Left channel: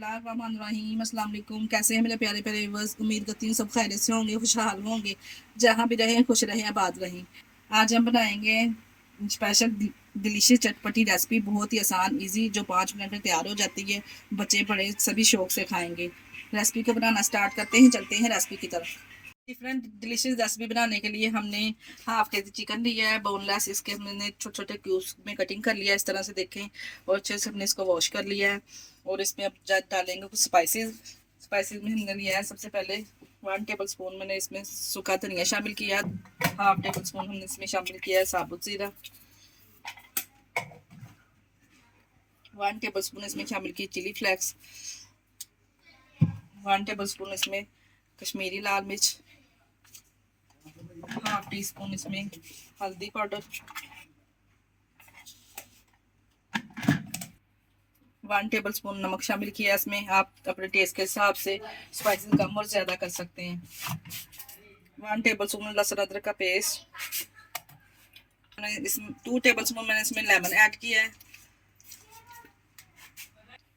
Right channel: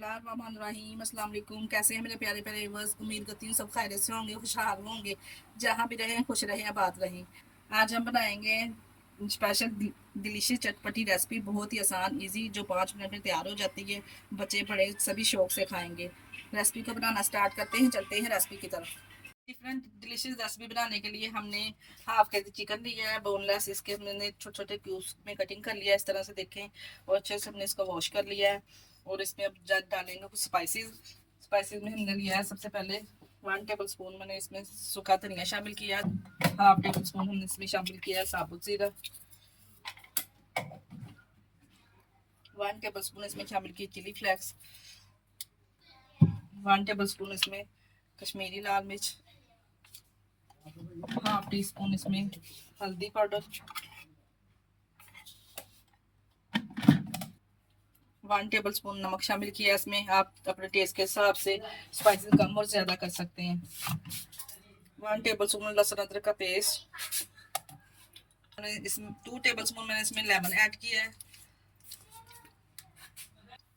बिस्मिल्लाहिर्रहमानिर्रहीम। अस्सलाम वालेकुम। कैसे हैं मेरे प्यारे प्यारे व्यूअर्स? उम्मीद करती हूँ सब खैरियत से होंगे, खुशहाल होंगे, जहाँ भी रहें खुश रहें, आबाद रहें। आज हम बनाएंगे स्पेशल डिलीशियस चटपटी रेसिपी, बहुत ही आसान इजी, जो 5 मिनट में तैयार हो जाती है। बच्चे बड़े सभी शौक से खाएंगे। रेसिपी को बनाना स्टार्ट करते हैं, चलते हैं रेसिपी की तरफ। डिफरेंट डिलीशियस रेसिपी बनाने के लिए हमने हाफ के जी चिकन लिया है, बोनलेस। इसके हमने छोटे छोटे क्यूब्स में कटिंग कर लिया है, इस तरह से देखें। और अच्छे से हमने इसको वॉश कर लिया है। और इसमें अब डालेंगे कुछ स्पाइसेस। स्पाइसेस में हमने लिया है सबसे पहले 1 टेबल स्पून मैंने इसमें सूखा धनिया शामिल किया। हाफ टेबल स्पून हमने इसमें शामिल किया है साबुत ज़ीरा। 1 टेबल स्पून इसमें शामिल की चिली फ्लेक्स। 1 टेबल स्पून इसमें कश्मीरी लाल मिर्च। हाफ टी स्पून इसमें हल्दी पाउडर। 1 टेबल स्पून नमक शामिल किया इसमें। आप अपने टेस्ट के हिसाब से स्पाइसेस कम और ज़्यादा कर सकते हैं। 1 टेबल स्पून लहसुन अदरक का पेस्ट। इसमें 2 टेबल स्पून मैंने इसमें लेमन ऐड किया है।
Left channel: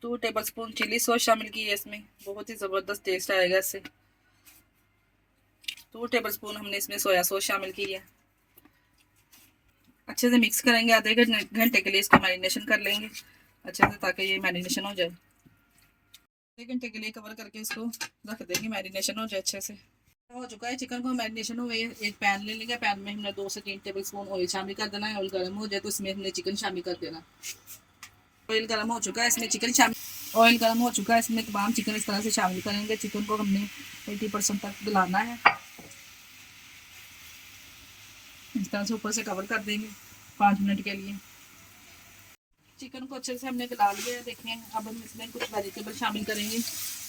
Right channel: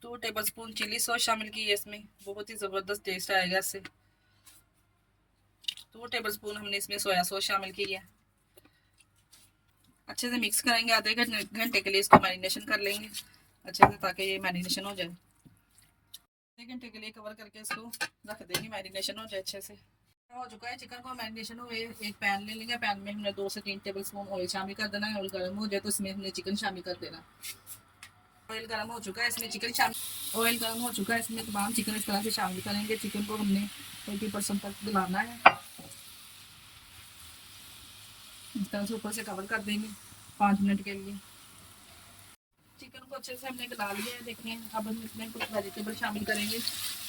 2 टेबल स्पून चिली सॉस शामिल की है इसमें, बहुत ही ज़बरदस्त टेस्ट आएगा इससे। 2 टेबल स्पून हमने इसमें सोया सॉस शामिल की है। अच्छे से मिक्स करेंगे, आधे घंटे के लिए इसको मैरिनेशन कर लेंगे अच्छे से, ताकि ये मैरिनेशन हो जाए। आधे घंटे के लिए कवर करके इसको रख देंगे, मैरिनेशन हो जाए अच्छे से। हो चुका है चिकन को मैरिनेशन हुए। एक पैन ले लेंगे, पैन में हमने 2 से 3 टेबल स्पून ऑयल शामिल कर देना है। ऑयल गर्म हो जाए तो इसमें हमने चिकन शामिल कर देना। ऑयल गर्म हो चुका है, इसमें चिकन शामिल ऑयल गर्म हो चुका है, इसमें तमाम चिकन इस तरह से शामिल करेंगे। चिकन को हमने 80% तक गलाना है, इस तरह से ऊपर से कवर कर देंगे 5 मिनट के लिए। चिकन को अच्छे से हमने गला लिया है, देखें। अब हम इसमें कुछ वेजिटेबल शामिल करेंगे,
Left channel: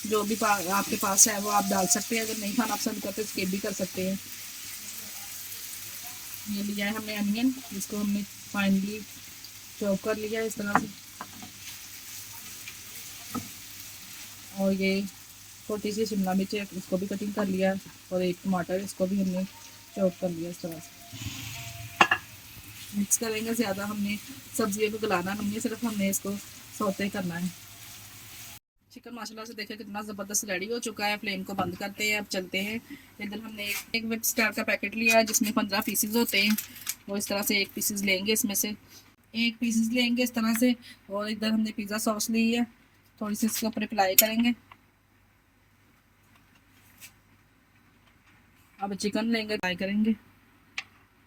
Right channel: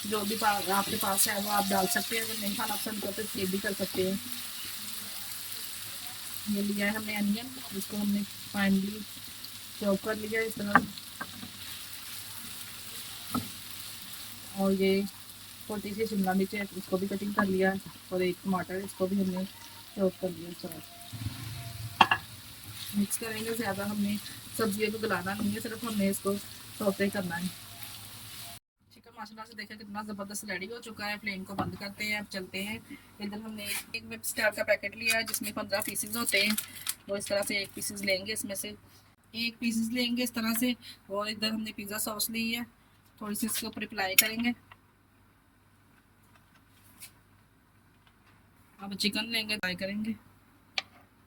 जो भी आपके पास है वो आप डाल सकते हैं। अगर नहीं खाना पसंद करते स्किप भी कर सकते हैं। ये लिया है हमने अनियन, इसको हमने फाइनली चॉप कर लिया है इस तरह से। और ये छोटी सी शिमला मिर्च है, इसको भी कटिंग कर लिया। और एक टमाटर, इसको भी हमने चॉप कर लिया इस तरह से। मिक्स करेंगे, ज़्यादा हमने सब्जियों को गलाना नहीं है, सिर्फ हमने इसको सौते करना है। चिकन माशाल्लाह से देखें कितना ज़बरदस्त रेडी हो चुका है। फ्लेम को बंद करते हैं, अब चलते हैं। इधर हमने एक वेब स्टार का पैकेट लिया है, जिसमें 15 पीसेज होते हैं। वो इस तरह से एक पीसेस लेंगे, इसमें से एक पीसेस लेंगे इस तरह से। और इधर हमने पिज़्ज़ा सॉस ली है, थोड़ी सी इसके ऊपर अप्लाई करेंगे। अब चिकन लेंगे, फ्राई करेंगे।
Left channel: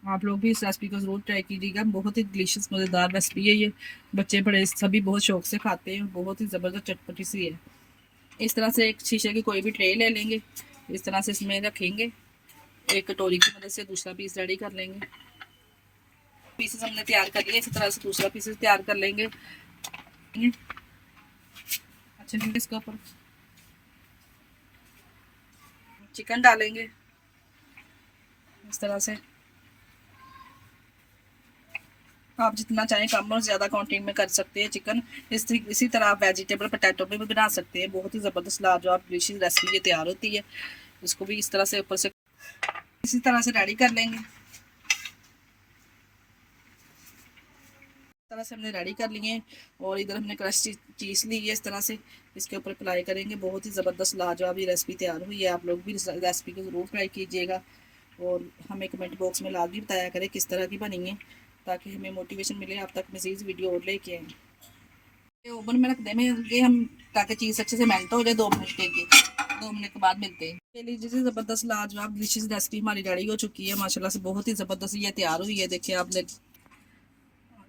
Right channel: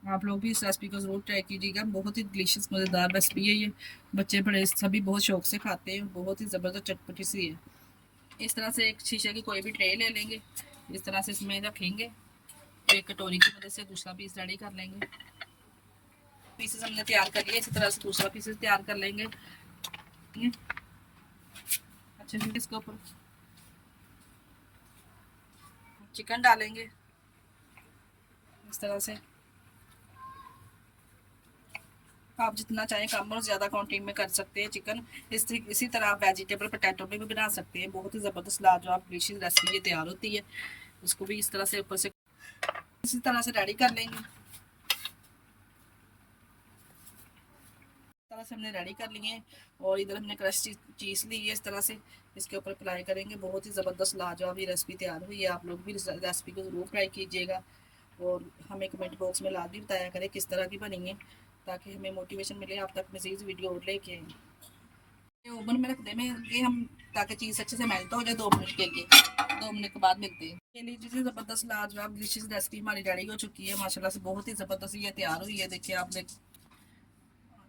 आप लोग भी इस रेसिपी को ज़रूर ट्राई कीजिएगा, बहुत ही डिलीशियस मज़ेदार रेसिपी है ये। बच्चे बड़े सभी बहुत शौक से खाते हैं, बहुत ही ज़बरदस्त चटपटी सी है। इस तरह से एक शीशे की कोई भी ट्रे ले लेंगे, इस तरह से इसमें रखेंगे। एक कटोरी की मदद से दूसरा पीस रेडी कर लेंगे। पीसेस हमने तैयार कर लिए, इसी तरह से दूसरा पीसेस तैयार कर लेंगे। अच्छे से इसके ऊपर चिकन डालेंगे इस तरह से। आप जितना चाहें कम और ज़्यादा क्वांटिटी में कर सकते हैं चिकन। इसी तरह आप वेजिटेबल पोटैटो में भी बना सकते हैं। बहुत ही ज़बरदस्त लाजवाब डिलीशियस रेसिपी ये तैयार होती है। इसको भी इस तरह से ऊपर से इसी तरह से रेडी कर लेंगे। इस तरह से हमने रेडी कर लिए। और इधर हमने क्रश चीज़ ली है, इस तरह से इसके ऊपर अप्लाई करेंगे। बहुत ही ज़बरदस्त लाजवाब ये रेसिपी तैयार हुई है। आप लोग भी इस रेसिपी को ज़रूर ट्राई कीजिएगा और हमें कमेंट बॉक्स में लाजमी बताया करें किस तरह की बनी है, ताकि हमें मोटिवेशन मिले आप तक मज़ीद वीडियो और लेके आएँ। ओवन में रख देंगे हम, ताकि चीज़ अच्छे से मेल्ट हो जाए। 2 मिनट के लिए, 2 मिनट के बाद मिलते हैं। के लिए जैसे ज़बरदस्त लाजवाब डिलीशियस रेसिपी हमारी रेडी हो चुकी है माशाल्लाह से, बहुत ही ज़बरदस्त ये तैयार हुई है। देखिए आपने,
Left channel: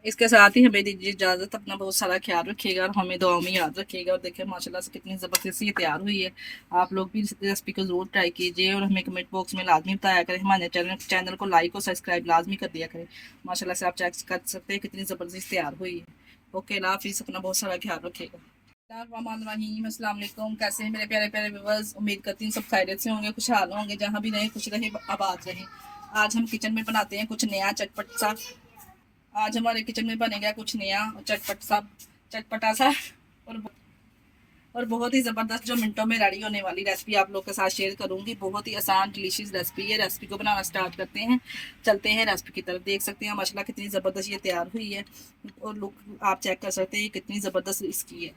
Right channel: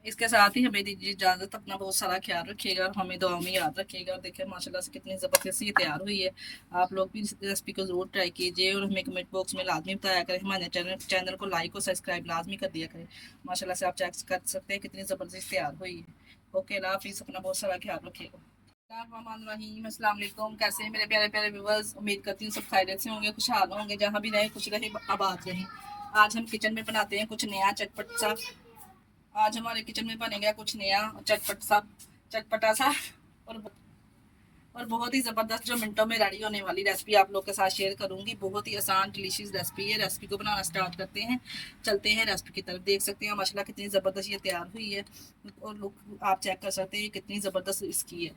इसके साथ ही हमें दीजिए इजाज़त। अपना बहुत सारा ख्याल रखिएगा और हमें दुआओं में याद रखिएगा। और देखिए माशाल्लाह से कितनी ज़बरदस्त ये तैयार हुई है। आप लोग भी इस रेसिपी को ज़रूर ट्राई कीजिए और हमें कमेंट बॉक्स में लाजमी बताया करें। हमारे चैनल को लाइक और सब्सक्राइब लाजमी कर दिया करें। माशाल्लाह से आप चेक कर सकते हैं कितनी ज़बरदस्त तैयार हुई है। ओके, अल्लाह हाफिज़, अपना बहुत सारा ख्याल रखिएगा। अस्सलाम वालेकुम। कैसे हैं मेरे प्यारे प्यारे व्यूअर्स? उम्मीद करती हूँ सब खैरियत से होंगे, खुशहाल होंगे, जहाँ भी रहें खुश रहें, आबाद रहें। आज हम किचन में बनाते हैं कुछ नया चटपट सा। आज हमारे किचन में बनेगा कुछ नया चटपटा सा और बहुत ही ज़बरदस्त, जो मिनटों में रेडी होने वाली रेसिपी आप लोग के साथ शेयर करूंगी। बहुत ही आसान डिलीशियस रेसिपी है। रेसिपी को बनाना स्टार्ट करते हैं, चलते हैं रेसिपी की तरफ। देख सकते हैं माशाल्लाह कितनी ज़बरदस्त ये तैयार हुई है। और लुक आप चेक कर सकते हैं कितनी ज़बरदस्त इसकी है।